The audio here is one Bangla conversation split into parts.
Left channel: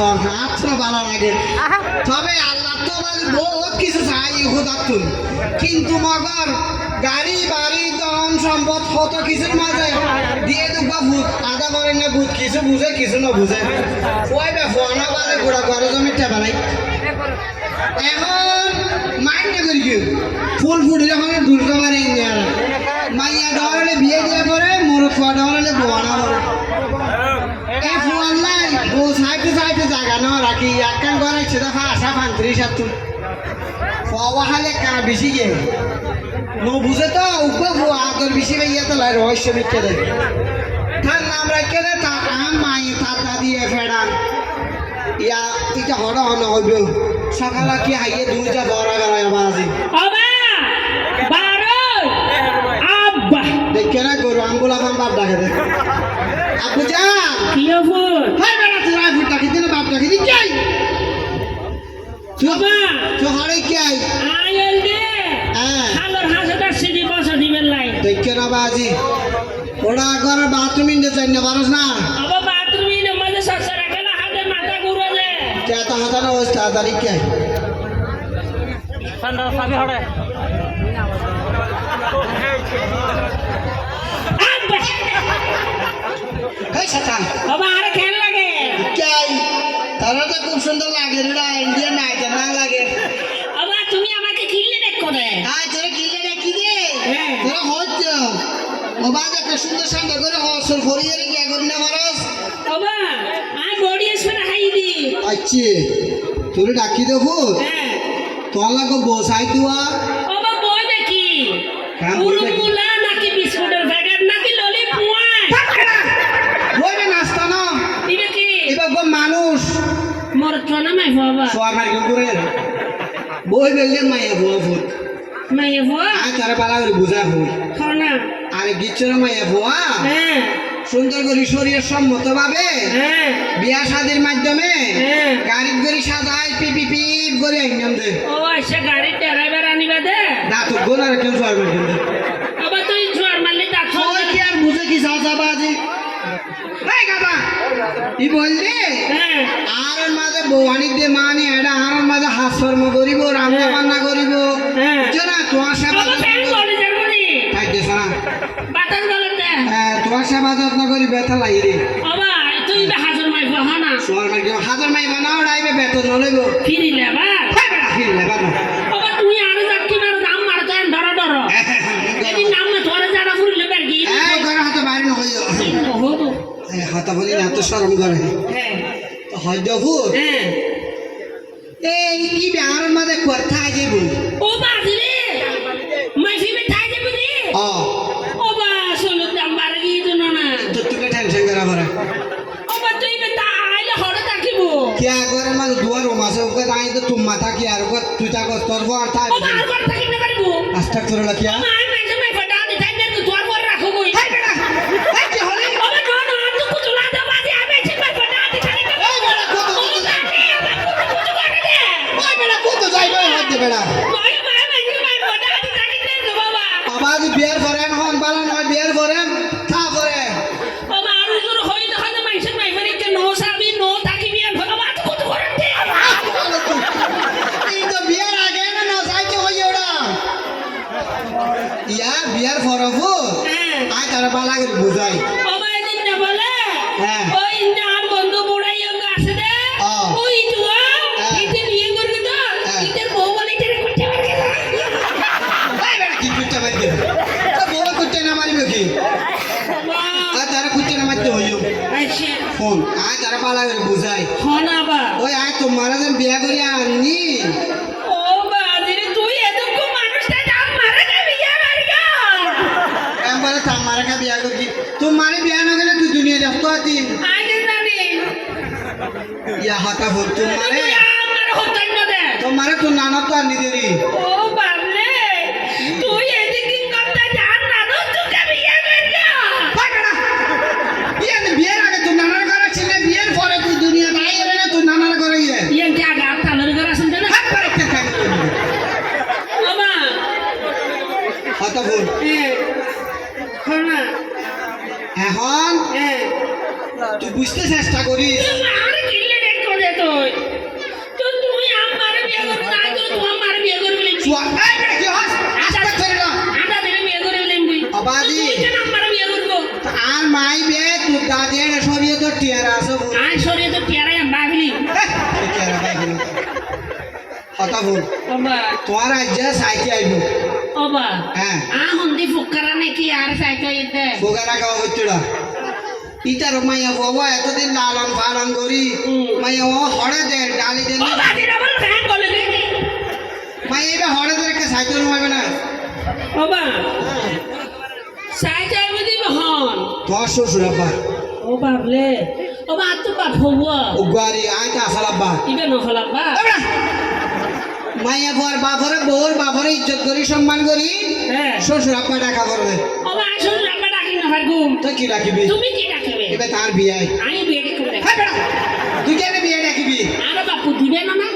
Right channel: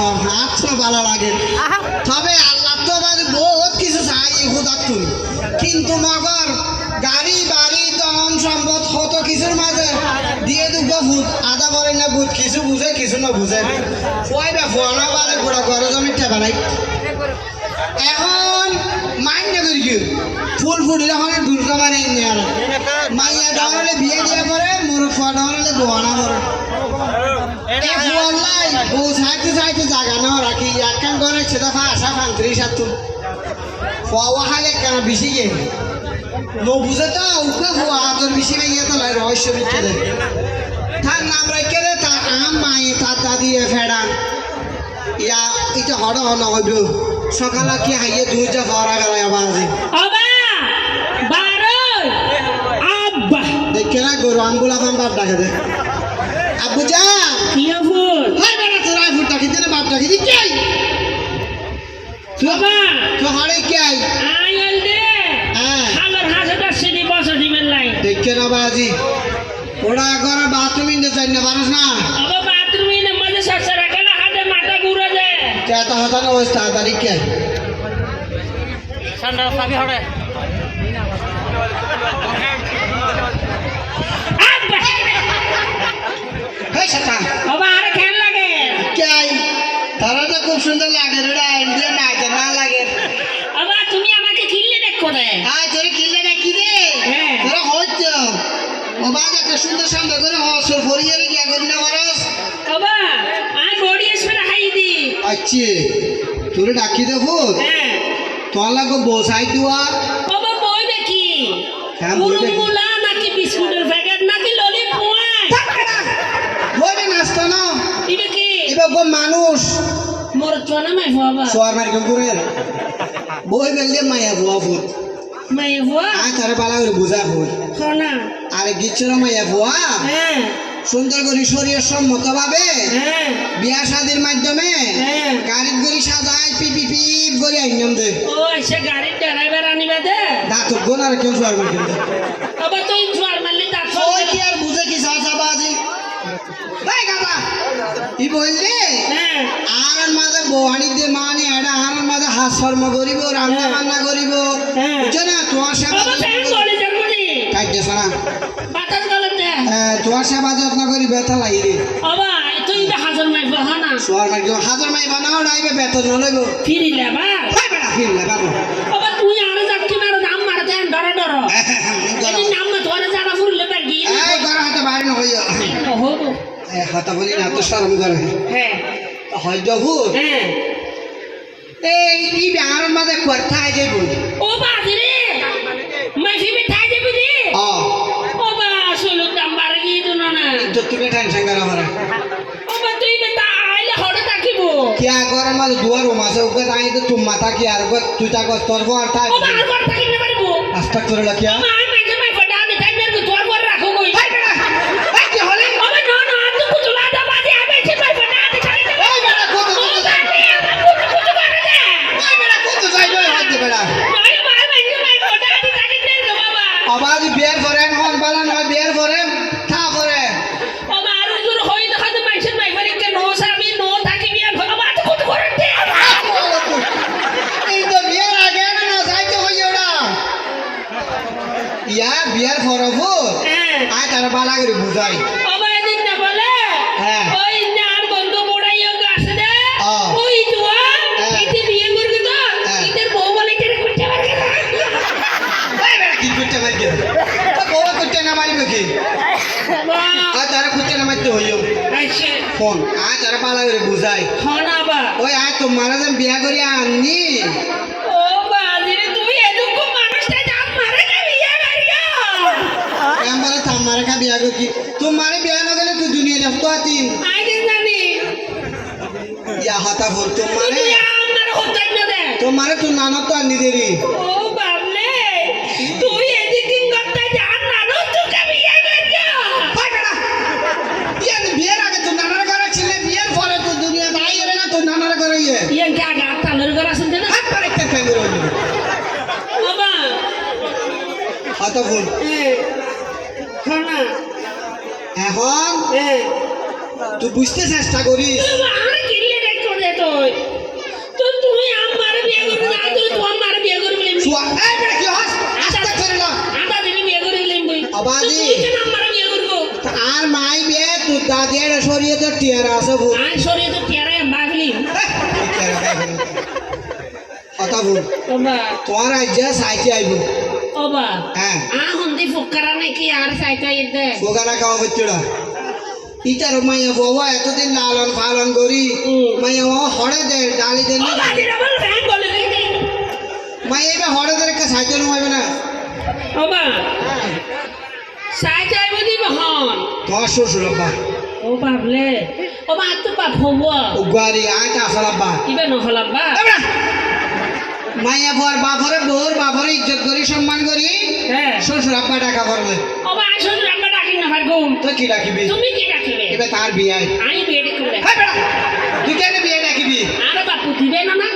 আছো ভালো লাগে তবে আল্লাহ তো বহুত কিছু চাই হুদাতুন কিন্তু মগর গাড়ি বাড়ি ধন সম্পদ কত কিছুর মাঝে দিয়ে দুঃখ ভূত আদা করে না ভূত কিছু বুঝে কিছু না বুঝে ওইটা ফোনা বাদে গোড়া ঘর জমি টেবা নাই এখন মাইন্ড না করি কেউ ফুল ফুটিলে এখন দুর্গা মানে মাইয়া ডাওয়ালে বিয়ে দিয়ে করে মোর ফোয়া ডাওয়ালে বোয়ানা করে বউ সাইতে সাইতে জায়গা না রাখি একখান করে সেটা ফাঁসা ফাংত্রি সাতু ফোয়া হাইলে কানা বেশি গিয়ে নো বুঝে তো উপরে ফোয়া তোর বেশি বেরিয়ে তো লাই রহস্য বিখ্যাত তার নাম রাখে দে তার আম মায়ে তার দাদি ফেডান ইয়া এটা হড় হন হইব সকালে কি হাইয়ে দুইটা বড় বেড়ায় বাজি দেখে না গরু আঙ্গুলা খান বাপ ডাকে দে আব্বু যা কিয়া ফুল হাই বেটা তোরা ফুল ডাকি দিলে বাপ ডাকি দি কাই বাবা তো হারে কাই আইল দে হালর হাসা সিডি বসা দিবেন লাই দেখে না বাজি ওরা ঘরে বাথরুম ইন্দে চাই না পারস না আবা বাথরুম ইনে মধ্যে সরসা রাখে না হাতে মাথা ঘুরে যায় কেতা হতা না অবস্থা তারিখ কাই ঠান্ডা সাবি হড়ে বাবা আরে কেন লাগে কাই তারা তো খুব সুন্দর লাগে রে ইন্ডিয়ান নাইতে না লাগে বাবা তুমি আমাকে কিল্লে দেখো রে আয় তোরে কিল্লে ডাকি দে তোরা হচ্ছ ও বাজ একটা সুন্দর সুন্দর করে হসর ফরিয়ে রে কি করি না মারস বাবা আই বডি এসে হাই দি আচ্ছা তোরে ডাকি দেবো তোর লাগো বসাই তুয়া বাবা বই দেখি মুলা নাকি বিস্কুটের প্যাকেট নাকি ললিপপ বইবে নাস্তা না এটা কি এবার গো মানুষ মোর চনা মাই বাবা সোয়ার মারি করে বই বেললে মাইয়া বুয়া ফুট মাই বুয়া আয় তারে পালা করে বুঝা ফুট খানা আরে গিচ্ছর মাইয়া বুয়া হ্যাঁ সুন্দর করে শরীর সম্মত ভাবে হ্যাঁ বিয়া শাদির মাধ্যমে গাড়ি গড়ি সাজায় পিপি পিপ করে আইনাম দে ও এসে গাড়ির ড্রাইভার আনিবা দে দাঁত গোনার কেউ সোয়ার মারি দে বাবা তুই জোয়ার মারলি দাঁত ওই কি আর বুঝে কি সাজা বাজি এই গাদা ই বললে আর মাঝে বহানি দে মানি এটা আর মাঝে হাস্যর্ম করিব রান্না বান্না করিব বুঝছো না তোমার সেবা তাই দেশ না বাতাস গলতে তোমার সেবা যত্ন করি বেতা লাই রে বাবা তুই হাজার মাই বাহানা সোয়ার মারি হাজার মাই বানাও রাইবে বেতন নলইব ফিরিলে বা ফিরলে বাবা বাবা তুই আর যাকি মারো দাম মারতে ডর ডর এই নাম না তোরে জানা ফুরলে বেরগি এই ঘর হাতে বাইরে ন হইও ওহো এই হাতা বলি না তো শরম করে হ্যাঁ হয় যাবো হ্যাঁ এই ই বিহার মাঝে কথা আই যাইব ও বাজরে মাই ফিমে থাই দেবি রে ও বাবা শুনো দাম বারগি দুনো না তো তুমি টেনশন করা পারে বাবা তুই বেটা আইলে হড়ে থাকিব क्या करे मारे दुआर हो मासे ऊपर आई तो तुम माता की यार को तू जा को तोर को अर्थ है বাবা আর ঘর থাকি না পারবো अस्टक करे लकिया মাই মেজে মাই ফটা দে তাই মেরে তোর ঘর রাখো কই हाय बेटा हाय की होले বাবা না না আর তো কুতুলা দা বাজে আমি সে মাই ফটা দে তাই না এই বেটা কত আমার কুতু করে দে हाय बेटा कत যাইবে হাত দে বেটা মাই মেজে মাই ফটা দে তাই না বাবা আবাজ বিয়ার করেন হন বালা নয় বিয়ার করেন থা করে বাবা আর জোর হই না হয় মাইসের মাই ফরি কে নো সাবি নো থাকি বিয়ার বাবা তো কুতু করে দে এই তো বিয়ার আগে না না যাইতে হই ওড়া ইয়া বিয়ার ফরবো আয় তারা বালা করে বুঝাই বাবা এদিন না বলে হ্যাঁ ওই নার বন্ধু বড়াইও গাছে দে ওই তুয়া এতে বিয়ে করবি তো ইতের বউ বলে তেরে কুটতে পারবে না এই বেটা কি কুটতে পারবে তো বউ কুটতে না মারিবে কি আয় তারা কুটতে না মারতে হইও আচ্ছা ফোন আয় তারা বালা করে বুঝাই হনা বা ওই আয় তোমার যেন বিয়া করি আননি ও বাজিরে তুই এদুকু মানুষটা দাম মারে না বিয়ে মারিয়া এমবারে তোমার কা বিয়া করি তোমার বিয়া না গেলে তুই দুনিয়া দেখতো আতিন আগে জানি ইয়া হাতা ফোন তোমারে তুই আমার হতাই না দে তোমারে তুই নানা তো আনি দেরি ও বাবলে তুই এদিকে কথা জান না রো তুই বিয়ে মারিয়া হাই বেটা বিয়া বিয়ের আগে তুই নানার ঘরে ছিলে বিয়ের পরে তুই দুনিয়া নাই এলে না তুই নানার ঘরে গিয়ে yang ke agak talur garasan dana হাত পরে কে কে baba হাতা ফোন khana এখন তুই বুঝতে চেষ্টা করিস ara kille dek kore টিয়ারা আছে ভুল আই সরে তো টিয়ারে বাগলি কথা ভুল ওবা তোমার আইজা সাইতে আইব ওবা হ্যাঁ হন্দি ফুকারা নাকি আর সাইতো ইতে বোগারা খাওয়া হচ্ছিলা ইটার মাইয়া বাবা এতদিন লালন পালন করি মাইয়া বাবা হড়ে দে ডালি দেন ওবা দিরা বল ফ্যান বলে দে মাইয়া এবার হড়ে ধরে একটা সাইতে রুমাইবে না ওবা সাইতো আইব দিব হন তোমার শ্বশুর আব্বা ও বাবলে ওবা তো বাপ হবো উগারি আইটা আসল আব্বা ইবে নহলাম বা মাইয়া বর বাপরে বোর বাপরে ইজ্জত করি সম্মান করি হ্যাঁ শ্বশুর আব্বা ডাকা করবে ওবা আসলে আমরা ডাকি না পারগুম তো কি ডাকিবি তুমি কি ডাকবে এবার তার বিয়ে আমি বিয়ে করবে হ্যাঁ বেড়া তুই কেন বিয়ে ডাকিবি আর বাপু দিবে না না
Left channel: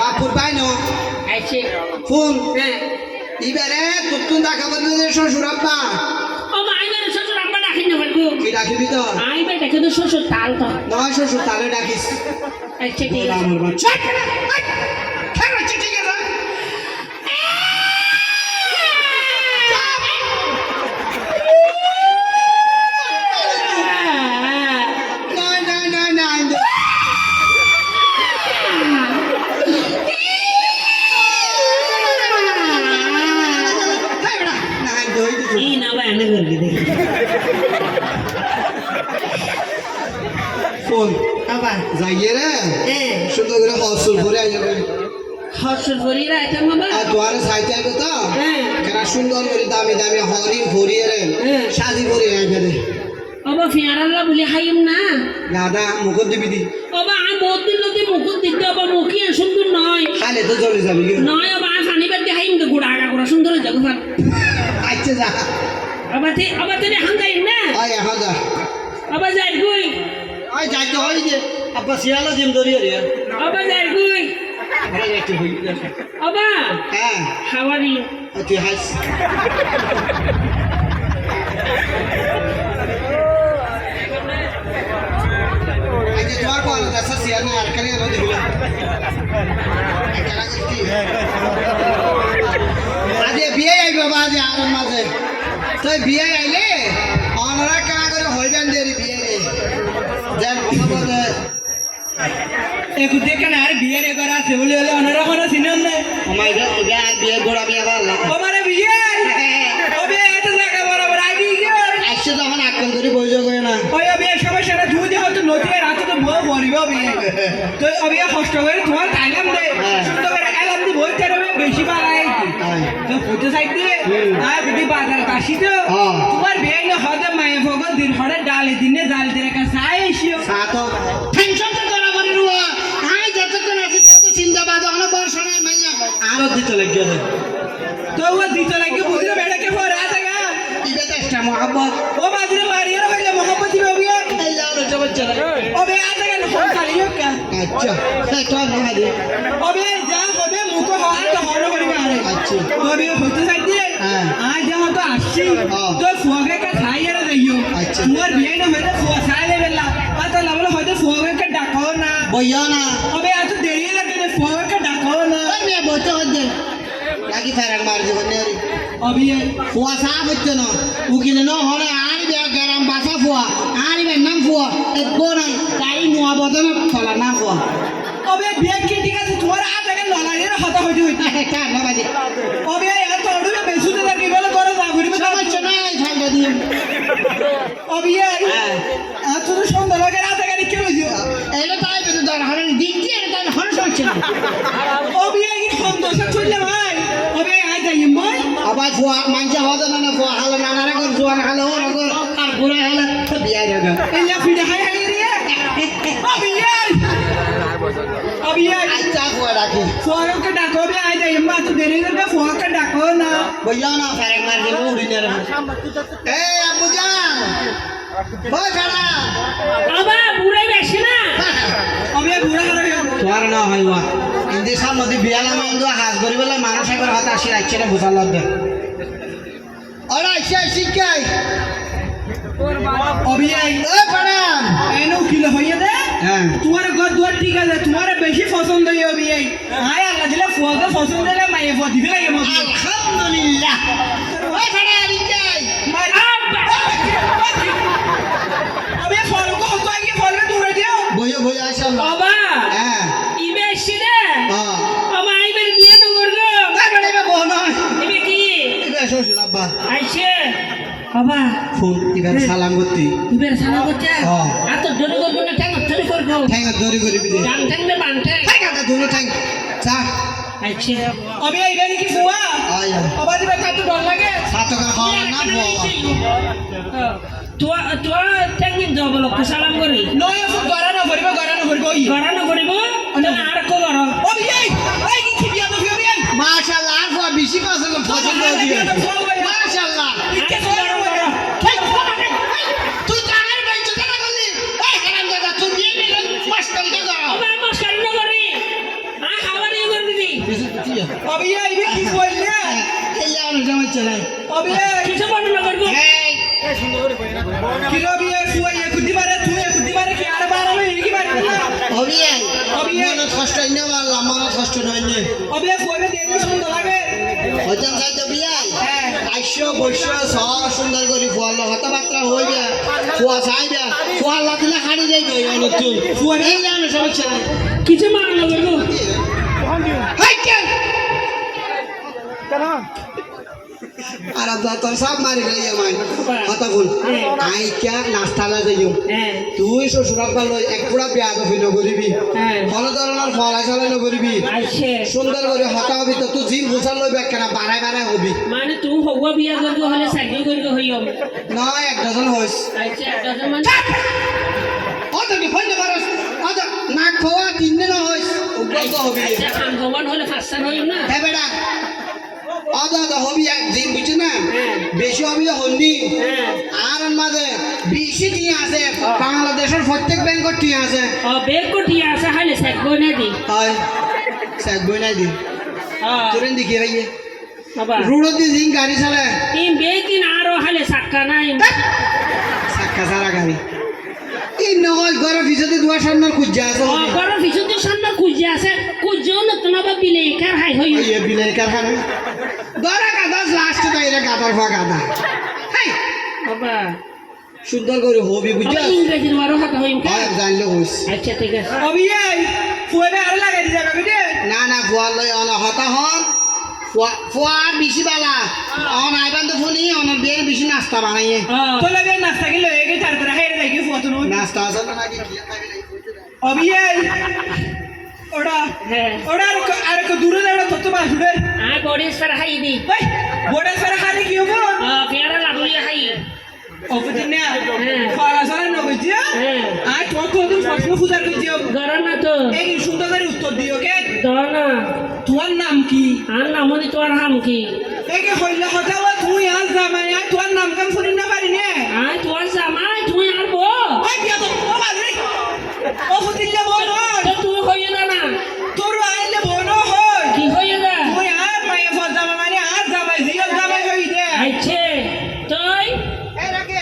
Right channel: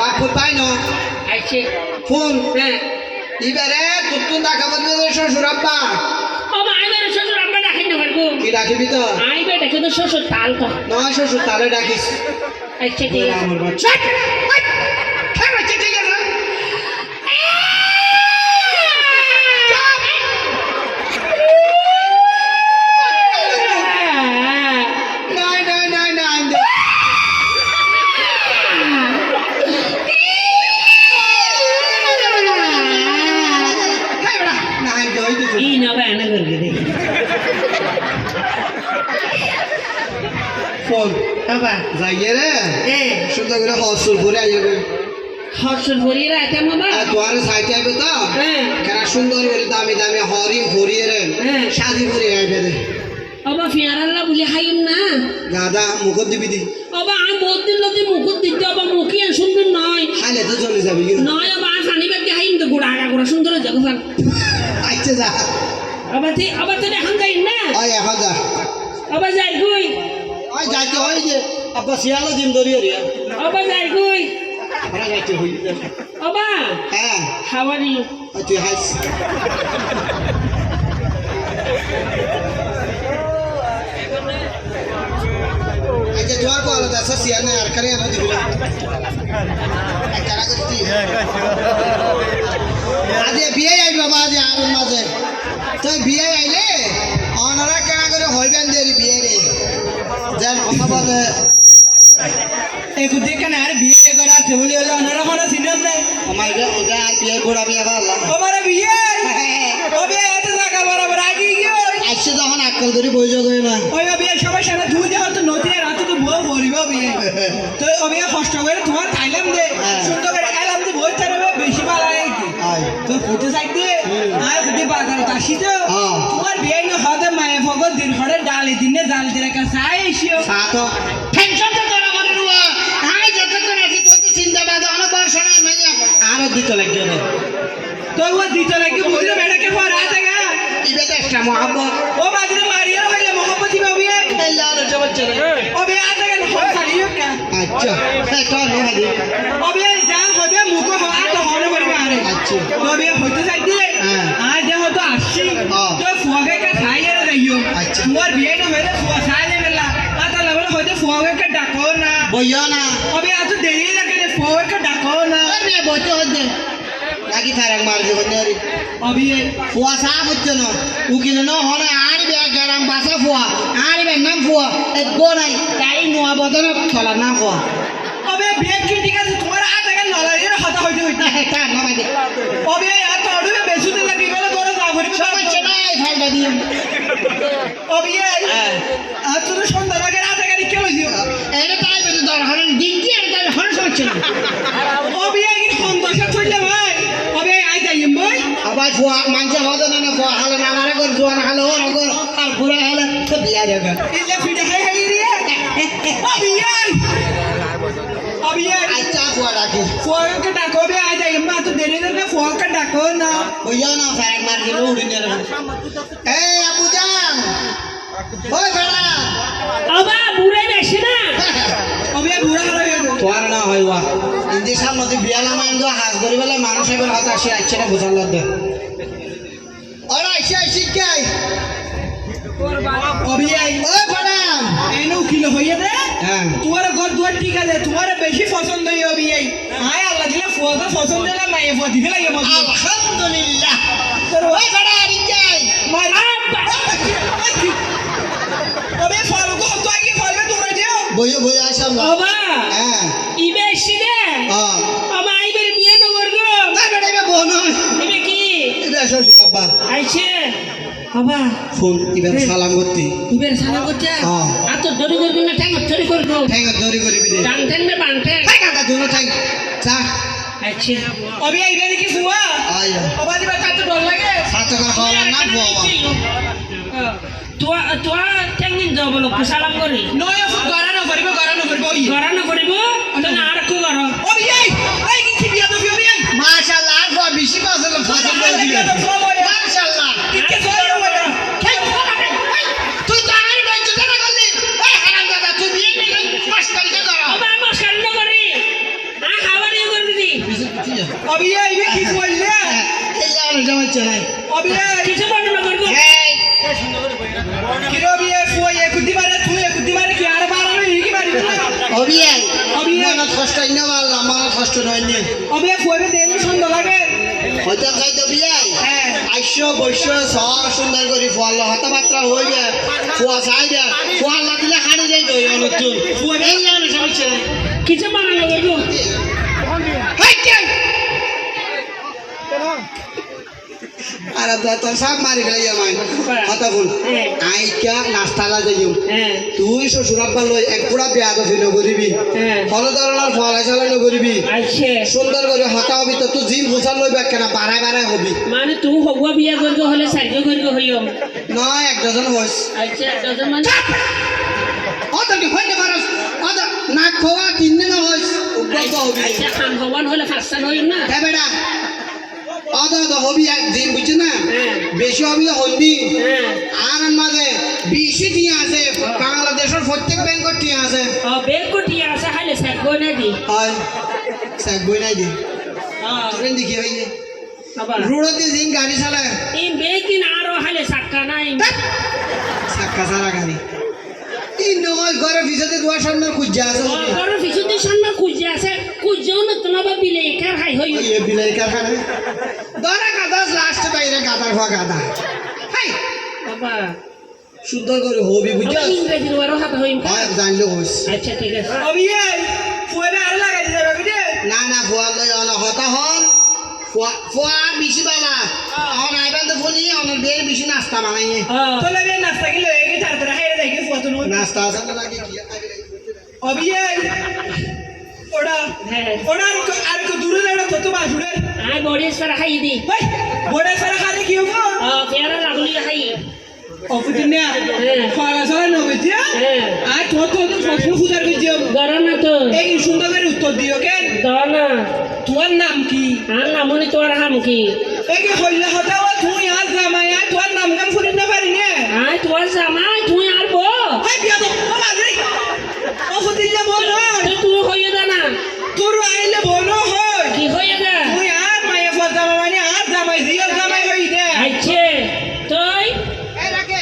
বাপুর পাই ন আইছে ফোন হ্যাঁ এবারে তুই ডাকা বলবে শ্বশুর আব্বা ওবা আইবে শ্বশুর আমরা ডাকি না পারগুম কি ডাকিবি তো আইবে ডাকে তো শ্বশুর তাল তো নয় শ্বশুর তারে ডাকিস আচ্ছা ঠিক আছে আমার বাচ্চা হ্যাঁ বাচ্চা ঠিক আছে নাই নাই নাই নাই হ্যাঁ বেড়া নাই দই দিছো এই না বা এনে করবে দে ফোন বাবা যাইয়ে রে হ্যাঁ সুন্দর করে হসুল করে আইবে হর্ষর ভরি রাইতে মামা আর তোর সাইতে আইবে তো হ্যাঁ কেন সুন্দর করে দামি দামি হরি ভরিয়ে রে হ্যাঁ শাদি ভরি আইবে রে বাবা ফিয়ারাল্লা বলি হাইম না গাদা মুখত দিবি দি বাবা আমি বহুত দিন লতি মুকুট দিতে বাবা মুখি আর সুন্দর নয় খাইলে তো চলে যাবি কি নয় বাবা আমি ফানি বাদ হাইম তো গুড়া আগা গুড়া সুন্দর জগৎ আচ্ছা যা আবার তেরে এখন যাই না আয় এখন যা আবার যাই কই আয় যাইতে হয় যে আব্বা শিয়ালা জিম ধরিয়ে রে আবার যাই কই ঘরে যাইতে হই বাবা হ্যাঁ হাওয়ারি তুই হাস আচ্ছা তোর কল আছে শিয়া না আর কারে এলো দিবিলা কেনা করতি আজ বিয়ে আইব বাবা আজ আর মাঝে তুই বিয়ে আইলে অনরা কেনা করে হইবেন যে বিয়ে রে যেন কথা বলে একটু দেখে না আর বিয়ের এগর আছে বলে হলো অনারা কোনো সিনাম নেই আমাকে ওকে আর বিয়ে গোড়া বিয়ে করলাম ওবারে বিয়ে ওবে এটা জায়গা বরাবর আগে গিয়ে আইসে যখন আক্কেল ধরে বই যাবে না ওই বিয়ে সবাই সারা ধুই দিয়ে হয়তো নদী রাতে তো বউ ভরিব বিয়ে তো ওবে কষ্ট করে তোমার আইলাম দে শুদ্ধ করে আইলাম দি বই তারে বেশি ভালো লাগে আয় তো ফুটে সাইডে আর ফুটি বাজার কাশি তো তোমার বিয়ে না হতে মায়ে ভগত দিন হরে ডালি দিনে ডাল দিয়ে কাছে আইসিও সাতো টেনশন তো তোরা মনে রুয়া আয় যত তো নাকি তো চিন্তা বাদ অনেক বর্ষ না মাইয়া আরো দিতে লাগবে রে তো ও দিতে লাগে বুঝলে বেড়াকে পর আ জায়গা ইবে তো একটা মহব্বত ও বাজরে মারিয়া হইলে মহব্বতি বাবি আল্লাহ রে জবচ্চা ওবে আ জায়গা ফোন করিও কা আচ্ছা এই তো না দে ওবে যা হবে মুখ হওয়া তো হন করিবে আরে আচ্ছা ওবে হইতে সাইডে আজ যা তো আসছি তো ফুয়াকে কা খাইয়া রইও আচ্ছা। তোমার বিয়ে না হইলে ফুয়া খাইলে বেলা আতা লাগলে হইতে ফুয়াকে কা ডাকো না বইয়া না ওবে এত দেরি লাগে রে ফুয়াকে ডাকো না আমি বইতে হচ্ছে লাগি ফারাক মার দিব নেরি ওবে ফুয়া সাহ হচ্ছে না উকিল ন হলে আর বিয়া গরম বাসা ফুয়া আর বে নাম ফুয়া এক গোনাই তাই নোয়া বদন চলা না ফুয়া ওবে বিয়ে কি ঠিক আছে তোমার আ জায়গা ললারির হতা হইতে হইতে তা না বাদি ওবে এত অড়ুবে বেসুতে লাগি বেলা তোরা যা করিবে সমস্যা নাই ফাইল দিম ওবে আজ তো সন্ধ্যা লাগে রাত জায়গা কি লইছিও এটা তাই বলে দরকার দিন কি এটা তাই হন চলছে না ওবে কি সন্তোষ চললে ভাই ওবে আই যাই ভাই আবার ফুয়া মানছে হতে না না ফুয়া হালে নানারে কর জোয়ান হালে ওর কর আর বুড়া হালে তো বিয়া দেবে ইল্লা ফিডা হাই হাই রে ওবে ওবে আচ্ছা ফুয়া রাখি ফুয়াকে ডাকো বে আই যাই মা তো দেরি লাগে ফুয়াকে ডাকো না বইয়া না ফারাক মার দিব উড়ি না এই আপু যান ওই খাড়া বাবা বুড়াই বেশি না ওবে বুড়া হবে তোর না হইবা ইন্দি সাল নদী বিয়ালা মাইন্দ হাজ ধরি বলে মানুষ একবার হাত আসে রাখছে না বুঝার লাগবে ওরা আইসে আইসি কে ওবে ওই ফারান এনো কিলো হইয়া দে হ্যাঁ তোমার ঘর দুয়ার ঠিক আছে তোমার বেশি পছন্দ হইবে এই আয় আল্লাহ দিলে ফুয়াকে পছন্দ হলে মায়ে ফো দিবে লাগে মত আলহামদুলিল্লাহ ওই ফারান ইঞ্জাই ওবে ফলো কো তো আগে ফলো হইছাম না বাবা হ্যাঁ ইবে এসে হ্যাঁ বাবা আইবার বিয়ে তো করবো তারপরে এবার বউ নয় ইবে কি এটা শ্বশুর আব্বা আইছে বাবা ফোন এবার সালাম করতে ইবের সালা করছে হ্যাঁ। আর তো দড়ি করবো না ঠ্যাং ধরে করবো ঠ্যাঙ্গা দড়ি করিবি দে ডান ঠ্যাং না বান ঠ্যাং ঠ্যাঙ্গা দুনো ঠ্যাং চা আইছে অবে এইবে নাকি ফুয়া আয়া অবা দিবা তার তো ডর লাগে সাতকা খাওয়া না বাবা তোয়া ঠ্যাং দিন যাব লোক সালাম করি নয় ফুট গরানো করিব ই গড়ানো করিব তাহলে আর কো গড় অবে এই কি বিয়া তো ফিও বিয়া মাশাআল্লাহ আর বাবা বেশি পাছল ফসল দিয়ে দিবে মাশাআল্লাহ কে সরো বড় তুই তো আমার বাইচ জানা করলি এই হারাম দাদা তুই বিয়ে নিলে মাস্টারি কে করো বাবা আমার সামনে করি আ খাবার ইয়ে করবি দি অবে এইবে কি বললে এই আর জামাই চাই অবে কিছু বর্ণনা করবো এই কিরো বিয়ে ফুয়া একুদি বারে তুই একুদি বারে কি আর বাড়ানো কি বাড়ি অবিয়াই অবিয়াই। মনত কষ্ট ইনা মারলা মনত কষ্ট নয় নে অবে ফুয়াবে দেন সুন্দর লাগে হইতাম যাই তো বিয়াই হ্যাঁ আইস্য বৈশ্য সব সুন্দর করে ফুয়াল্লা হতাবার্তা হইবে ফুয়া চাইবে ফুয়াল্লা দিলে হাড়ি যাই দই নতুন ফুয়া এই না জামাই চাই কিছু বর্ণনা করবো হাই কেন আর আব্দা তোর সব মারি গেলে আমায় কথা বল আইকা নাস্তালা যাইও হ্যাঁ তুই শ্বশুর আব্বা লই এক পুরা বিয়া তো ফিনো করিবি হ্যাঁ কোনো ধরনের ফলাই চালাই নকরিবি আইছে সুন্দর করে হতা হবি তো তুই জিম ফুসাল লইবি একখানা বাড়াই বাড়াই হবি মানে তুই হগুয়া বিয়া করবো হলে সাহায্য করবো হইও নয় এক ডজন হইস আইছে ডজন মানে অত কি হইতে পারস অত নাক খোয়া তিন দিন হইস উগ্রত হবি আচ্ছা খান হওয়ান হলে পাঁচটা হইম না হ্যাঁ বেটা অত অত হবি এক জিম বুঝছি না হ্যাঁ। বেশি হবি হইবি হ্যাঁ আর মাঝে বেশি টিয়া আছে বাংলাদেশের প্রত্যেক ব্যাংকের টিয়া আছে বেগ কোটি আছে হাইলে সেট কই না দি হয় স্যাক বই নাই দি তুরেন দেখি ভাইয়ে বাবা রোড দিয়ে জিং গাড়ি চালায় এই বেগ দিন আরো হাইলে সাক্কা নাই চাক্কা চালা গাড়ি এই নগজ ঘরের পিছনে দুয়ার সামনের খুঁজা আছে গরম পিছুতে সামনে খুঁজে আছে খুঁজেও না তোমার বিলে কার হাই হই এই বিলের কারখানা দরা গাদা লাস্ট তাইরা গাদার ফা গাদা হাই বাবা সুন্দর করে হবি বুঝছ আমার ইংরেজির বারো হাত হইম কা হয় জানলে হইস আচ্ছা ঠিক আছে অবে ফুয়াবে আর লাগাই দিতে যাবে দে না না ফুয়া লই অন হতা হম ফুয়া বেশি বালা অন আইবান তো ফুলি অন বের বেশি নাস্তা বানাইয়ে তো লাগে নাস্তা কি লয়ে গে চার তারা খাইরে দেখি ফুয়া তো নই নাস্তা আছে না নাকি কি খাইবে নাই অবে ওটা হ্যাঁ ওটা আর কো দূরে যাওয়া কত বাসুড়ে আই বড়ি সারা খাই দি ভাই বড় সারা খালি কি হবো পেয়ারা লাগলি খাই অপদিনে হ্যাঁ খাওয়া সারা নবজি হ্যাঁ আর তো তো প্রশ্ন খুঁজার কইছিও গরম না তো এই সুন্দর করে উত্তর দিও কে দনা তোমার নাম কি আর নামনি তোর হাম কি এই কে হইলা হঠাও তুই আর জামাই আর তোমার নাম কাম শুনি না পারি নে আই তোর জামাই তুই আর বো হাই বিয়া তো ও বাজরি অপদিনে বলো তো তুই হইয়া দা না তোর আইলে বলো হয় কি হইয়া দা তুই আর মায়ে ফজামা মানে আর জামাই জিয়ার জামাই হই দে আইছে তুই এই রাকে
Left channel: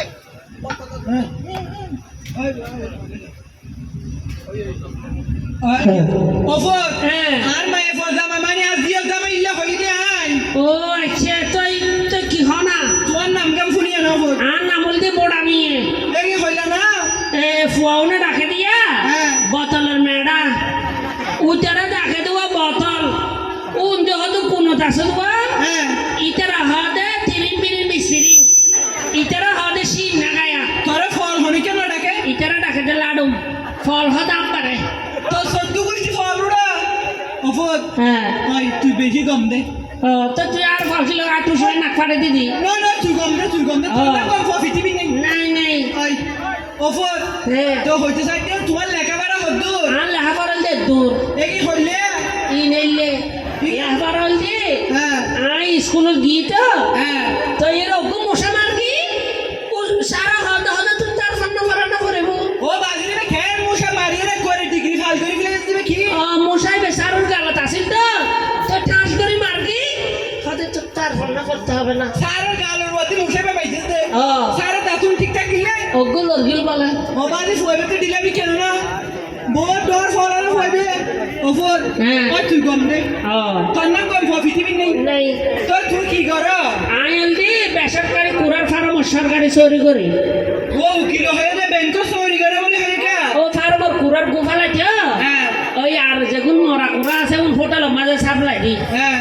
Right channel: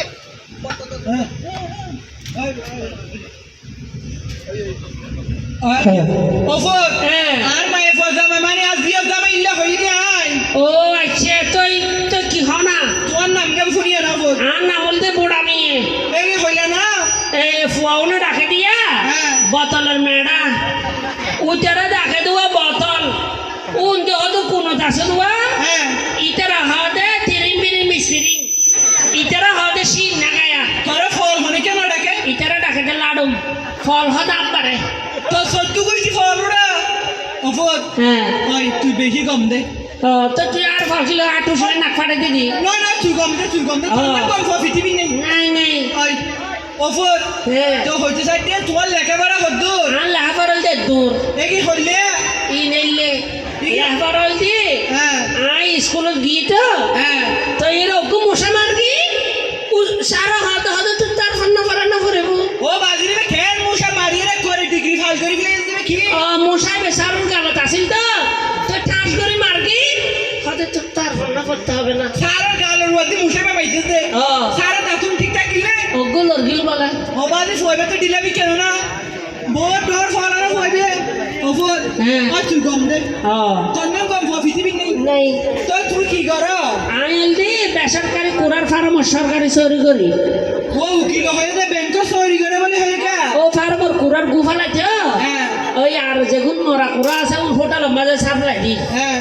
অফর হ্যাঁ আর মায়ে ফজামা মানে আর জিয়ার জামাই ইল্লা হই দে আই ও আচ্ছা তুই তো কি হনা তোমার নাম কাম শুনিও না অফর আর নাম বলতে বোড়া মিয়ে এই হইলা না ফুয়াউনে ডাকে দিয়া হ্যাঁ। বোতলের মেড়া উতারা ডাকে দেওয়া বোতল উন হয়তো কোনো আছে দেওয়া হ্যাঁ ইতারা হদে তিরিং বিরিং মিশ্রিং ইতারা হদে শীত নাগায়া তোরে ফল হনে কেন ডাকে ইতারা ডাকে দে লাডুম ফল হদাম পারে তো সহ্য করেছি ফল ওরা অফর হ্যাঁ ভাই তুই বেশি কম দে তো তুই আর ভাবছিল আটু সরে নাক ফাটে দিদি নয় নয় তুই কম দে তোর না কম পৃথিবী নেই নাই নাই ভাই অফর হ্যাঁ তো হইতে চাইতে তোমার লেখাপড়া কদ্দূর আর লেখাপড়ল দে দূর এই কি হইলে ই নেইলে লেখাপড়ল দি হ্যাঁ আই স্কুলে গিয়ে তো হ্যাঁ তো এরকম মশা মারবি সারা হদে হদে তুই তার ফন্না করা না করে ও বাজিরে খের মশা মারিয়ে করে ডিগ্রি ফাল করে গেলে দিবে কি মশাই বেসারুর গালত আসিল তো তো ঠাস করে মারবি হদে তুই তার ফন্না করতে হবে না সারা গালের মধ্যে মশা পাইছিস দে ও সারা দাতুন ঠিক থাকিলে ওগুলো গিল বলে ও বাজে সইবে তো ডিলাবি কেন না বোর ডর ফলানো হইবে অফর হ্যাঁ। আর তুই কম দে ও তোর নাম কম পৃথিবী নেই নাই তো তুই কি কর আইল দি বেসরকারি কুড়ার ফার্ম সরকারি চুরি করি ও উকিল হয়ে না ব্যাংক চুরি করে বলে হয়ে কা ও ফার্মর কুড়ার গুফালাইতে ওরা আছে হোটেল মাঝে সাপ্লাই দি হ্যাঁ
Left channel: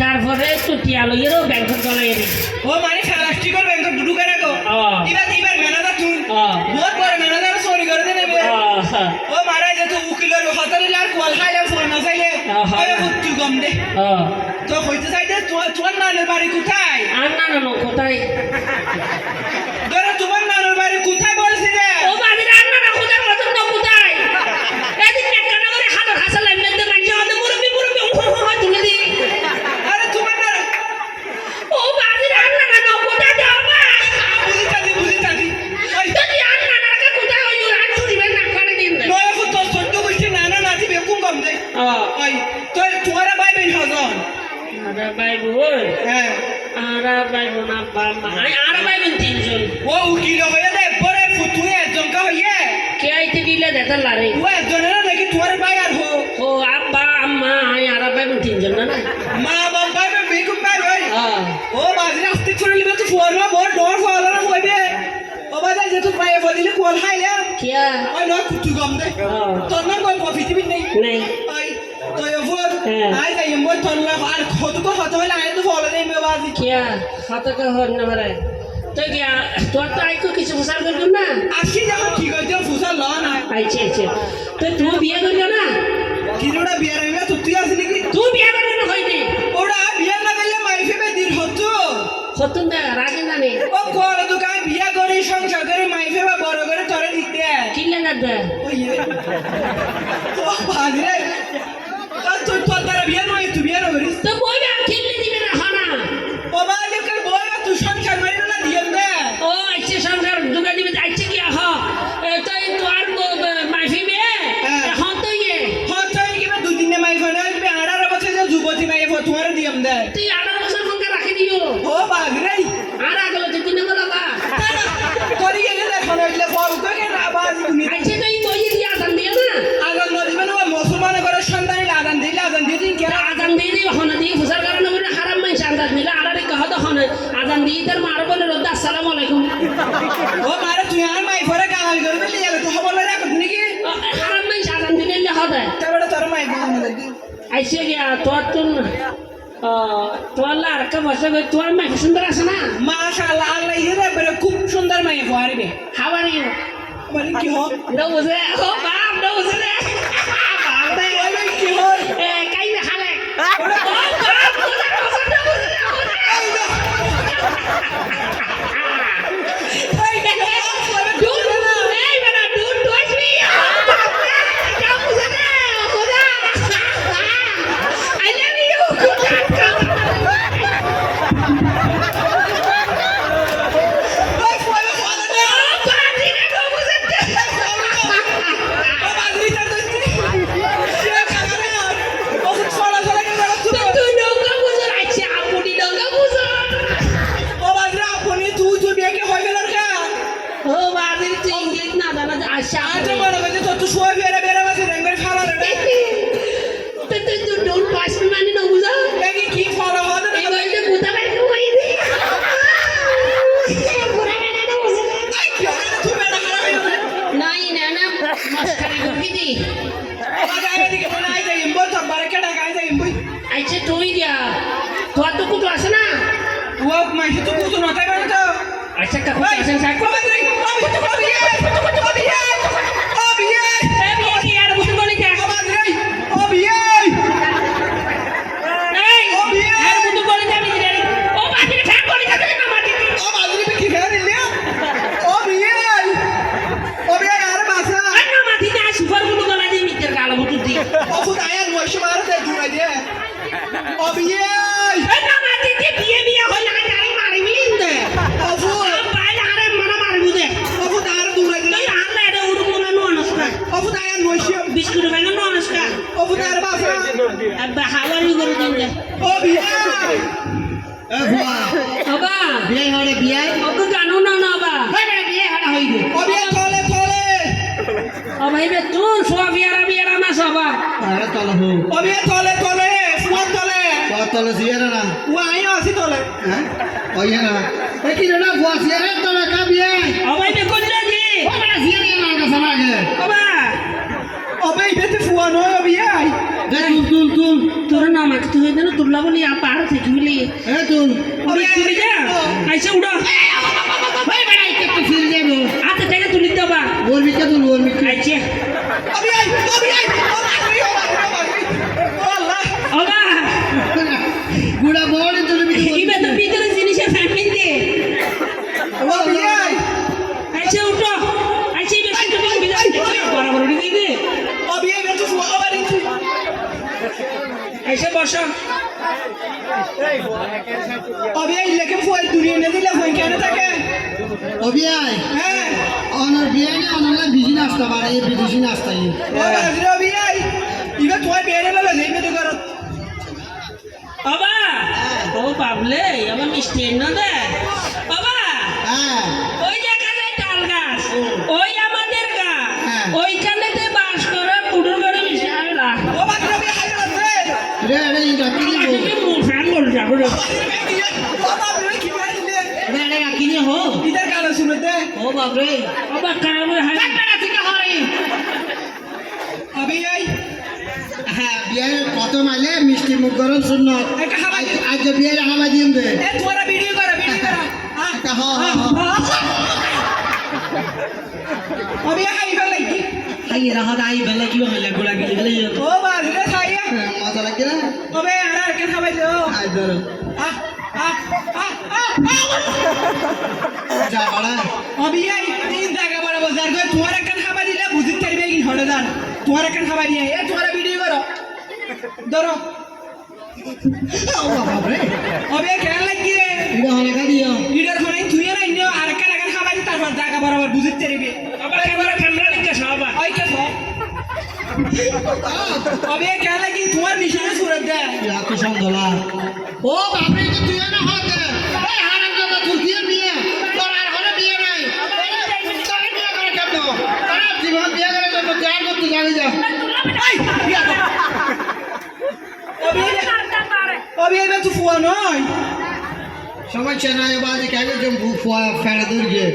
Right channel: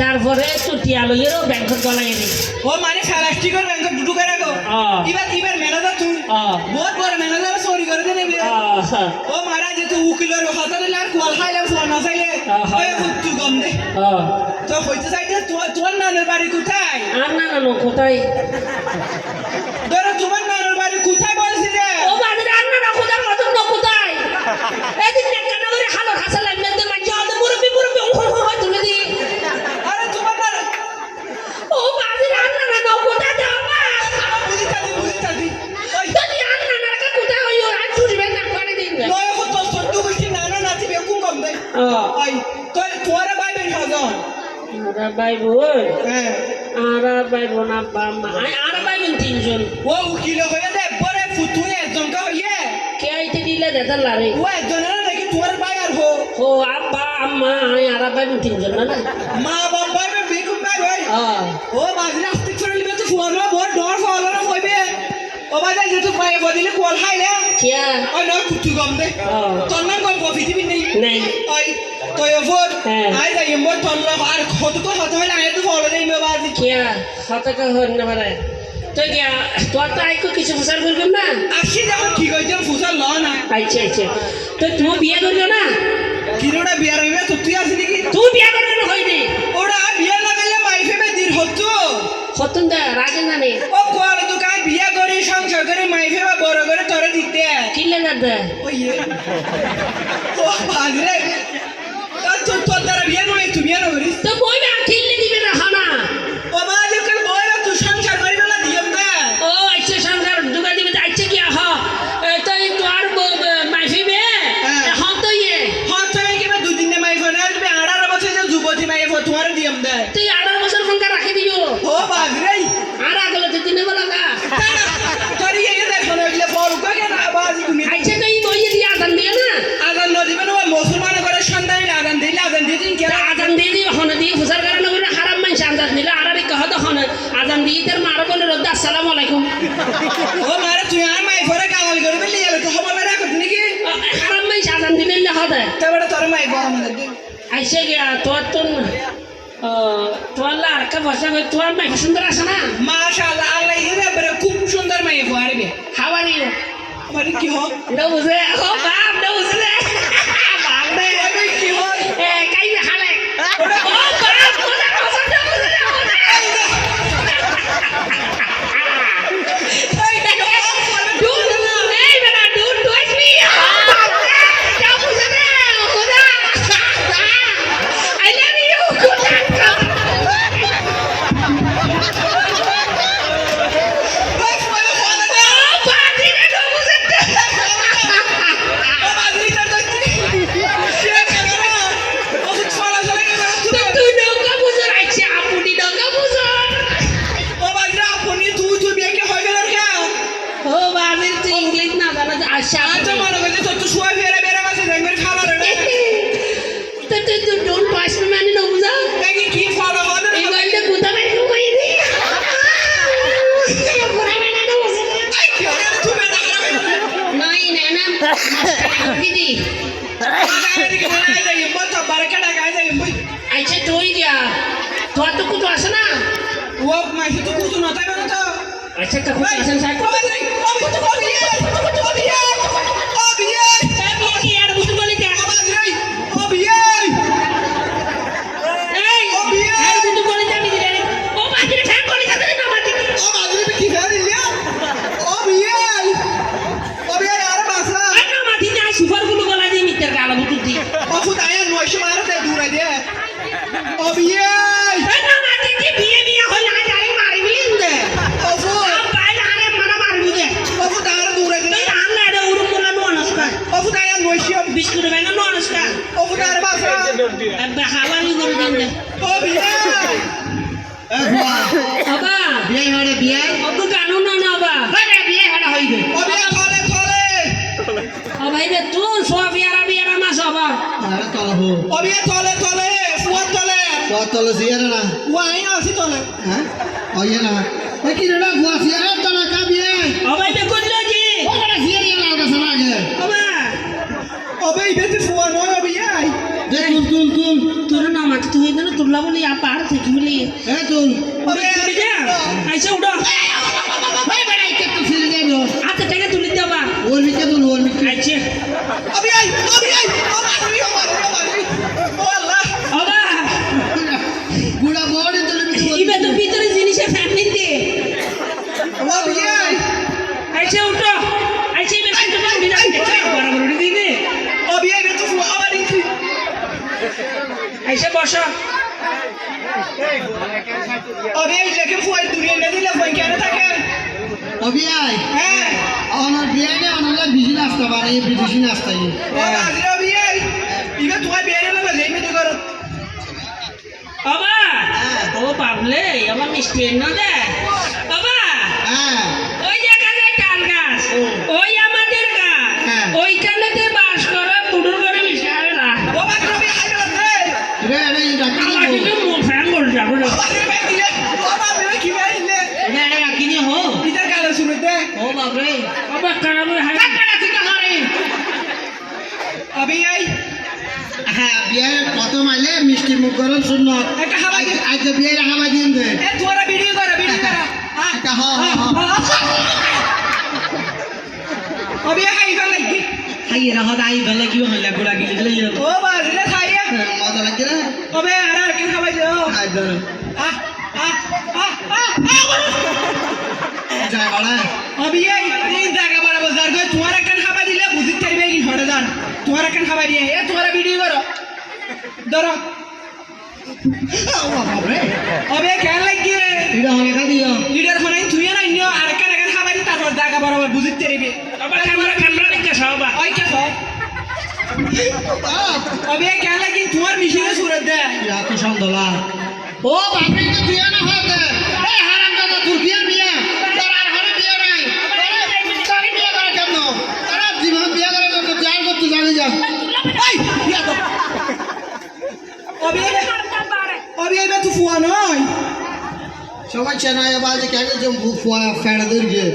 তারপরে একটু টিয়া লইয়েরও ব্যাংকক চলাই এনে ও মানে প্লাস্টিকের ব্যাংক দুটো করে রাখো এবার ম্যানেজার তুমি বহুত বড় ম্যানেজার চুরি করে দেবে ও মারা যেত উকিলের হাতারে আর কোয়াল খাইলাম ফোন না চাইলে তুই গম দে তো হইতে চাইতে তোমার নানের বাড়ি কোথায় আর না না কোথায় ধরো তোমার নানের বাড়ি কোথায় বলছি রে ও বাড়ি রান্না না কোথায় মতন না কোথায় এদিন কান্না করে হাতর হাসা লাগবে তো লাগছে আমাদের মুরব্বি তুলে দি আরে তোমার না ও বাড়ি রান্না না কোথায় যাও না বুঝিতাছি যদি রান্না না কা কোথায় হইও রাত ছুটি বের না করে দিন নয় তো সত্য বুঝছি নানা নাতি বেকুম গম দে ওই তো তোমারা ভাই বোন হজন আরে ভাই বোন হ্যাঁ আরে ভাই বোন আব্বা মা আরে ভাই বোন তিনজন ও উকিল হয়ে দে বড় ফুতুই একজন কা হইয়ে কে আইতে দিলে দেতার লারে ও একজনের নাকি তোমার ভাই আর হো ও আব্বা আম্মা আরে ভাই বোন তিনজন না মা বাবা বেকুম ভাই ভাই হ্যাঁ ও বাজরে আসতে চলে লিবে তো ফোন না বড় ডর ফলো না হইবে ও বাজা যেহেতু পায়ে বদিলে কোয়াল খাইলে কিয়া ওই নয় কুতু গম দে তোর না গম পৃথিবী নেই নাই ওই তো এফোর আই যাই মো তোলা আর কত লাগাই তো ফলো দেই মে বাজি কিয়া হাতকে হন না মারে তুই কিয়া তোর তো আইকো কিছু ফুসার করবি না আসি যাও ঠিক হইছে ফুসা ল না আইছে আইছে তো তুই বিয়ে করবি না কিরোটা বিয়ার হইবে তো তুই আসলি কি তুই বিয়ে করবি না হইনি ওরা বিয়া না গেলে মাইফে দিন হতো হতুন দা রাগে জানে ও কোয়াল তো কাই বিয়া করে সংসার করে মাইফে বা বড় করে তোরে দিতে কিল্লে না দে ওই তো বাজরে তো তোর দ্বারা বিয়া নয় তুই বিয়া নয় তো বই না কিল্লে দিবে না হানা ও বাজে কাল বড় তুই সংসার করে না দিম না ও আইছে সংসার দুগা দিবে আইছে কি আহ তাই তো আর মাইফিবে হন তো ইয়ে হ্যাঁ তো কি বা দুই দিনে মাইফে না আসবে 18 বছর যে যুবতী মাইফে তোমার দিম দে তুই 18 বছর ফোন রাখি দিও ও বাজরে আর আগলে তুই দিনে বলা গা তোর ইয়ে দেখো না ইলে বড় করে না বাজি তুমি আইছে তো এই বইয়ে দিয়া আদান দিয়ে না আজান নদিবে না মুসলমান করে সন্তান আজান দিয়ে দিন কে আজান দিয়ে দিবে হন দিয়ে ফুসার কারণে বলে হারাম মাইন আজান দিলে আর আরে কহ তো হন আজান দিয়ে তার মার বলে রদ্দা আসসালামু আলাইকুম ও মারে তুই আর মাই ফরে গালাল করবে লিয়ে তো খবর না রাখো তুমি কি হারাম মাইন আজান দিলে না হবে তারপরে তোর মাই আমাদের আইছে গিয়া তোর তুন তোর লারকা বসে তোর মাই সুন্দর আছে না মাশাআল্লাহ আল্লাহ ইরে বড় খুব সুন্দর মাই পারবে হাউ আর ইউ মানে কি হয় নো বুঝে ও বাপ নো বুঝে বাপ দে ওই কি হয় এ কাই না হালে ও বাপ কোথা কোথা বুঝে এই দেখো এই বেটা ডোন্ট টাচ মি যা বুঝে না খোদা আই লাভ ইউ ওই ফলো ফলো না পাজি না নো বুঝে ও বাজরি তার তো সে কাগরা ও ফলো ফলো কে বড় তুই নৌকা বুঝে আইছে আপনি নৌকা বুঝে ও বাজরা আপনি তুই বিয়ে হইবে না কে ও বাজি তুই ইংলিশ না জানা আশা আচ্ছা বড় কথা তো শুয়া ফেরে বেরা মাসে দেখবেন খাবার রে তুই ডোন্ট টাচ মি মানে না বুঝা দেখি কি ফলো হবে এই বলতে কুতা বাই কই দি পুরা বেটা না বুঝে আই কি হবে তুই বেটা খারাপ নাই না না মাস্কারি করবি দি বাবা এদিকে বলে আই যাই ইম্বো তো বারকা ডাকা আই যাই ইম্বো আইছে তুই দিয়া তোর তো কুতো আছে না ও মাসে তো কুতো নতাই বানা তো আচ্ছা কাকু আছে সাই বাবা রে আমি তো বিয়ে এই বিয়ে কি আর বুঝ বলি কে বাবা রে ও বিয়ে এই আর বুঝ বলি যাবি রে ও বাকি ঠ্যাং করে যাবে না মাটি ও বাজরে কি খাই দিলি ও বিয়ে আর বাসা আর না মাটি না সুপার গুলো গলা দিয়ে মিটার গালা বুঝ দি ও খুদায়া নয়শো মারো দে দূরে দে ও বিয়ে আর না মাটি কি বিয়ে হল না জানি মারবি দে ও ফু বাইরে আরে মানা মারবি দে ও খুদায়া দূরে দে এই আল্লাহ রে উরুম না ননস্কা ও খুদায়া নয়শো বিস্কুট বাইনা ননস্কা ও খুদায়া বাসা একবার হাওয়ারি করে দিন দে ও বিয়ে বাবা বিয়ে হরে বিয়ে ওকে জানো না না বাবা হরে বিয়ে হরে হইবে ও বিয়ে থলে ও ভাই রে তুই সোফিয়ারা না সবা আরে তলে হো ও বিয়ে থলে ফুয়ার থলে তলে সিয়ারে না ও আই আসি থলে হ্যাঁ ওই না এ কি রে বুয়া সিয়ারে তলে কা বিয়ে ও ভাই রে কোন জি ও বড় সিয়ারে না কা সানাগে বাবা ও বে ইতে ফুয়া নয় ও বিয়ে দে তুই তোর না আমাকে তুই যেন তুললা বলি পার থেকে বলি হ্যাঁ তুল তুলে যা আইসা উড়ো ভাই ভাই একটু ফিরে যাবে হাতে থেকে তুলে দেবা ওর মিকে তুল ওর মিকে আইছে ও আল্লাহ ওবা গুড়া বড় তুলে মিকে ইবে তো ভিতরে জিনিসে ফ্যামিলি দে ও বিয়াই আইছে উঠো আইছে বেশি তুমি উড়ে যাবে বরাবর উড়ে দিবে ও বিয়াই বে তো ফুয়া আবার ইনছি আইছে বসো ও বিয়াই লেকে ফুয়া দূরে না দিলে ফুয়া কেন থাকে অবিয়াই হ্যাঁ আমার বিয়াই না আমার বিজি নাস্তা বানাই বিদেশি নাস্তা ও আজিরা বিয়াই ইবে তুই বেরে লাগে নেই মেতে করত বাবা ও বাবলে আমার মিষ্টি এনে দে বাবা হ্যাঁ ওই জায়গাতে তাল গাছ ওই আমাদের গা হ্যাঁ। ওইখানেতে বাস করা কুড়ুর ঘরে মিশাই না ও বাকরা বিয়াই হাইবে রে রে রে রাখি আমার দিব দিকে মুখ ফ্যান করে যাবো রে আরে বে দিলে ও বাবা বে কি বে দিলে রে রে রাখি নি হো ইদার কালে শুনে দে ও বাপ রে বাবা খারাপ হাই অবিয়াই হ্যাঁ বিয়াই কত মাইলে মিষ্টি মুখ গরম শুন একটা হাবাই আজ বিয়াই হাওয়া দিন দে এ তোরা ভিডিও কর একটা হ হ অবিয়াই হাইবে লাগি হাই রাহা দাই বেলা কি হইলা গোলা গিলি গেলে ও বাজরে খাইয়া মজা লাগে না ওবে আর কে খাবাই দাও আই ধরো আহ আহ আহ যা বড়া অবিয়াই এই জায়গা বরাবর জারগে তোমার একটা খাবাই দিলে বুঝিত পারবে কি হড়ে দান তোমার একটা খাবাই দিয়ে এ তোরা ভিডিও করো ধরো ও বাপ রে অবে কেন লাগি রে এটা লেখা দিও লিডার ফোন তুই না ইন্ডিয়া আর একটা খাবাই দি তারপর জায়গা বরাবর বুঝিত পারবে আবার ক্যামেরা ক্যামেরা নিকে সবা ওই কে সব অবে কেন লাগি তোমার মিশনে সুরত দে ইয়া কি সন্দলা ও বাপ রে তো তুই না হতে এই হারাম দাদা তুর্কিয়া বিয়া তোর আর ঘরে বিয়া নাই তোর বিয়া করে কেন তোর জীবন বিয়া করে তো চার করতে জানি যা এই বিয়া কর অবে অবে এটা তো ফুয়া নয় সবাই চেনায় বাজে কেন যে ফুয়া ফেড়ে দূরগে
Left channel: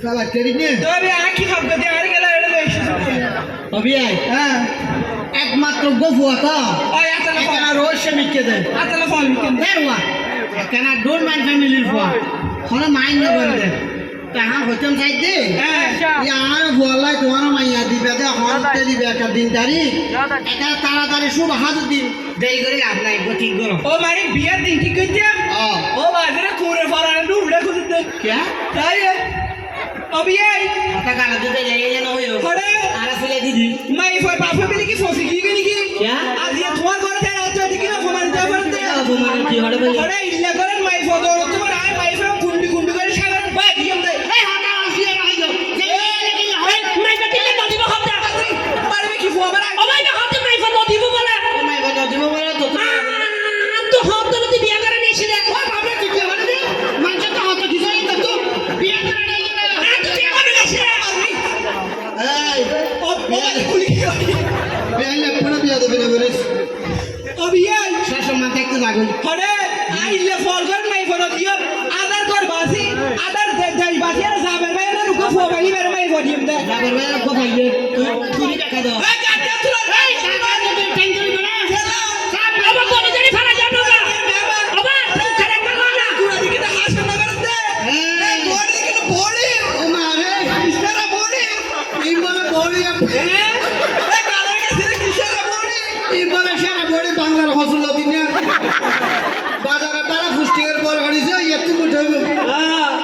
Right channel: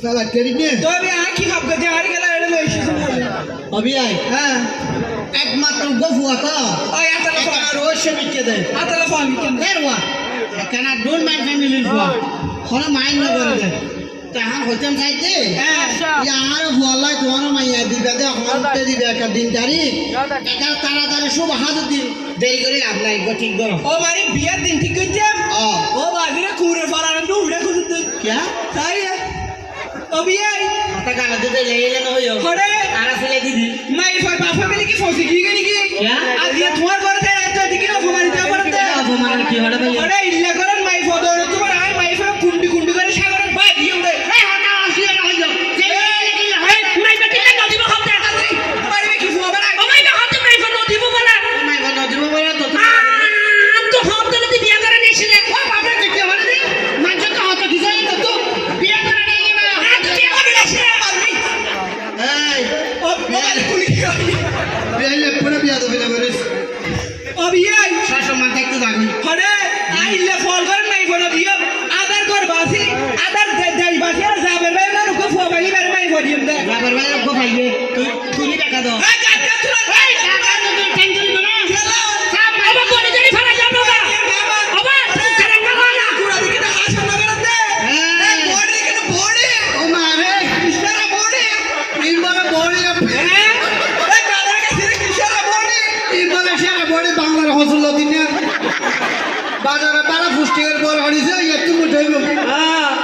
সালা তেরি নে তবে আঁকি ভাবকে দিয়ে আর গেলা এটা লইছি অবিয়াই হ্যাঁ একমাত্র গফুয়া তো ওই আতালে ফোন একা রোজ সে মিকে দে আতালে ফোন কেন দেরওয়া কেন ডোন্ট মাইন্ড ফ্যামিলির ফুয়া হলো মাইন্ড না করে দে তাহার হইতাম সাইড দে হ্যাঁ আর ফুয়ালাই তোমারও মাইয়া দিবে দে হতে দিবে একটা দিন তারিখ এটা তাড়াতাড়ি শুভ হাত দিন দেরি করে লাভ নাই গো ঠিক করো ও মানে বিয়ার দিন ঠিক করে যা ও ও বাজরে কুরে ফরান ডুবড়ে খুঁজতে क्या তাই ও বিয়াই पता गाना दे ले ले न होयो করে आरा सिले दीदी নাই ফর বাপে মিলে কি ফসি কি গনি কি क्या আজ ইয়া তোমার ঘরে দেয় এত দিকে না ফমানি দেয় করে দে अब हमारा की हड़े भाई করে ইল্লা করেন মাই ফদর তোমার আই মাই ফে কুন্ডি কুন্ডি করে সাগর বাই দিম দে ए हटा असली ना होयो जे लेकिन এই মাই বাতিলে নদিব খবটা পারবে কি ফুয়া বাড়া ও মাই না হাতে মাই ফোন নদিব বলা मैं बनो दिबो बोला तो তো হব দিলে তুই বিয়া করে নিছিস রে ओ बाप रे के माने दे मैं तो हाथ की जाई तो बिया करा नहीं ना তুই বিয়া করে নিছিস ए ও বাবা কুলি बिया ले पुरो बिया दो बिना बरस ও বিয়াই शासन मान तक तो जागो করে আই ইল্লা ফল করে নাই ফোন দিও আদার কর বাসি আদার দেই বাসি আর যাবে ভাই না রুকো ফুয়া বালি বের মাই ফদিম দে बाबर भाई को भाईए तू ही देखा दो এই গাটা তুলো এই टेंशन में ना চলো আবার বলে জানি ফালা যাবো না আবার খারাপ না না পুরা দিকে না হাসন না করে দে এই বড়ি দিকে না বড়ি ओ मारे ইশারা বড়ি इन बार बॉडी হ্যাঁ এই কাদের কাছে ইশারা বড়ি इन बार सारा बॉडी बांग्ला हसल दिन বাজারে তারা পুষ্টিকর বড় হইছে একটু মুঠইব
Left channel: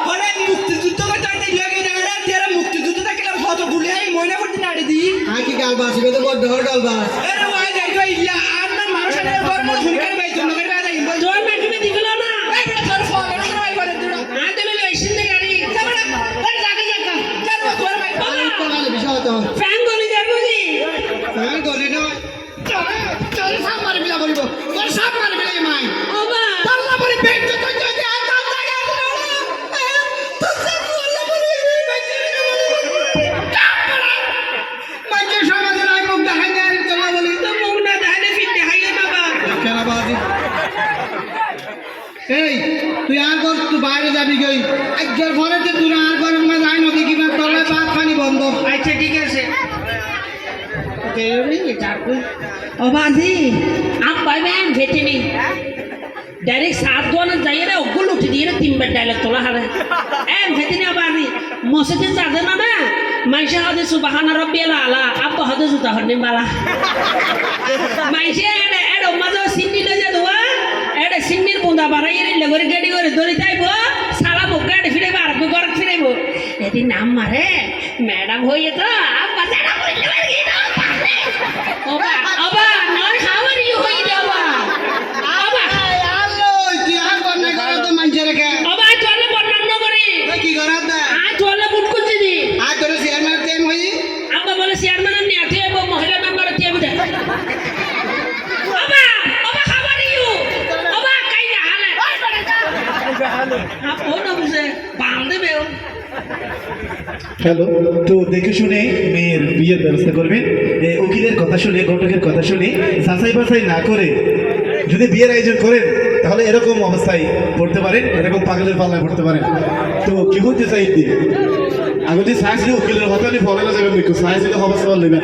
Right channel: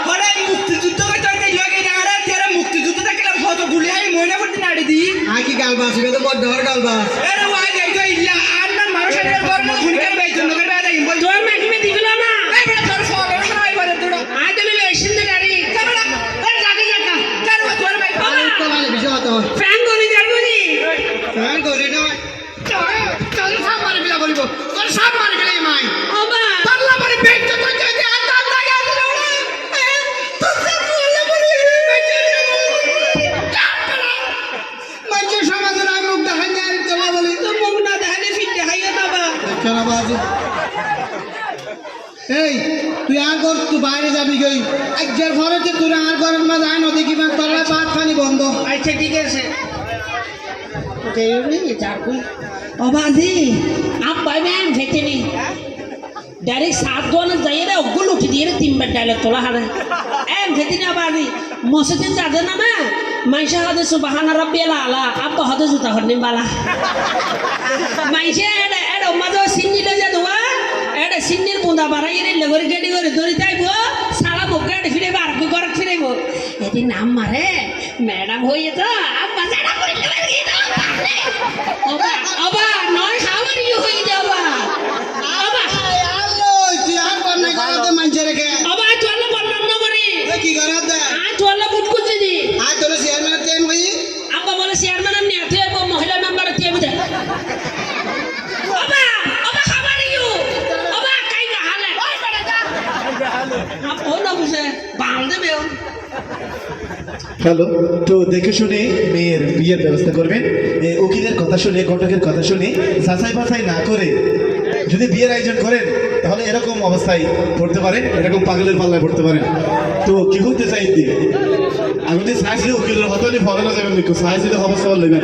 করে মুক্তিযুদ্ধ করতে হইতে ইয়োগে না তেরা মুক্তিযুদ্ধ দেখলাম কত গুলি আই ময়না করতে নাড়ি দি আকি গালবা আসবে তো বড় ধর গালবা এরে ওয়া যাই তো ইল্লা আর না মানুষের গরম খুনিকার বাই জন্য করে বাই বল তোর মাইকে দিছিল না এই বড় তোর ফোন করে নাই বলে দুড়ো আই দিলে লইছিস না গাড়ি কামড়া এই লাগি যাকা কারো তোর বাই তো মানে বিষয় তো ফ্যান গলি যাবো নি ফ্যান করে না চল সব মারি বিলা করিব তোর সব মারি বিলাই মাই ওবা পাল্লা মারি বেঞ্চ তো যাই দে আটা লাগা দিল তো সে বললে বলি বেঞ্চ মাইকে সমাজের আই মুখ দেখাই না চলা বলি তো মুখ না দেখালে ফিট দেখাইয়ে না বা কেনা বাজি এই তুই আর কর তুই বাইরে যাবি গই একজন ঘরে তো তুই আর ঘরের মাঝে আয় নদী কিবা তলায় ভাত পানি বন্ধ আচ্ছা ঠিক আছে ওকে যাবি ও বাজি আপ ভাই ম্যাম ভেতেনি ডাইরেক্ট 7 জনের যাইয়ে রে ওগুলো উঠে দিয়ে রে 3 বার ডায়লগ তোলা হারে এম ভেতেনি বাজি মসজিদে যাবে না না মাইশা হাদে সুবহানা রাব্বিয়াল আলা আব্বা হাদে জুতা হরনি বালা মাইশা এড মাঝে সিন্নি লজা দোয়া এড সিন্নির বুন্দা বাড়াই রে লগরে গাড়ি করে ধরি তাইবো সালা গাড়ি ফিরাইবো আর ঘর ফিরাইবো এটি নাম মারে ম্যাডাম হইয়ে তো আব্বা জানা পড়িতে পারি না ওবা ওবা নয় হাউ আর ইউ হই যাবা ওবা আল্লো তুই আর বন্যা করো তো মানুষের কে ওবা চলে বর্ণনা করি ওই কি করা দে চলে বুট করছি দি আর তোর চেয়ারম্যান টাইম হই আব্বা বলে চেয়ারম্যান এমনি আছে এবং মহিলা মেম্বার আছে বুঝে ওবা ওবা হাউ আর ইউ ওবা কাইলা হালে ওই বড় দা ও না বুঝে বাল দেবে হ্যালো, তো দেখে শুনে মেয়ের বিয়ের ব্যবস্থা করবেন। উকিলের কথা শুনে, ঘটকের কথা শুনে, যাচাই বাছাই না করে যদি বিয়ের আয়োজন করেন তাহলে এরকম অবস্থায় পড়তে পারেন, এরকম পাগলের পাল্লায় পড়তে পারেন। তো কি হতে চাইতে আগে যে সাহস উকিলের হতালি ফলে না যাবেন, সাহস যদি অবস্থা নেবেন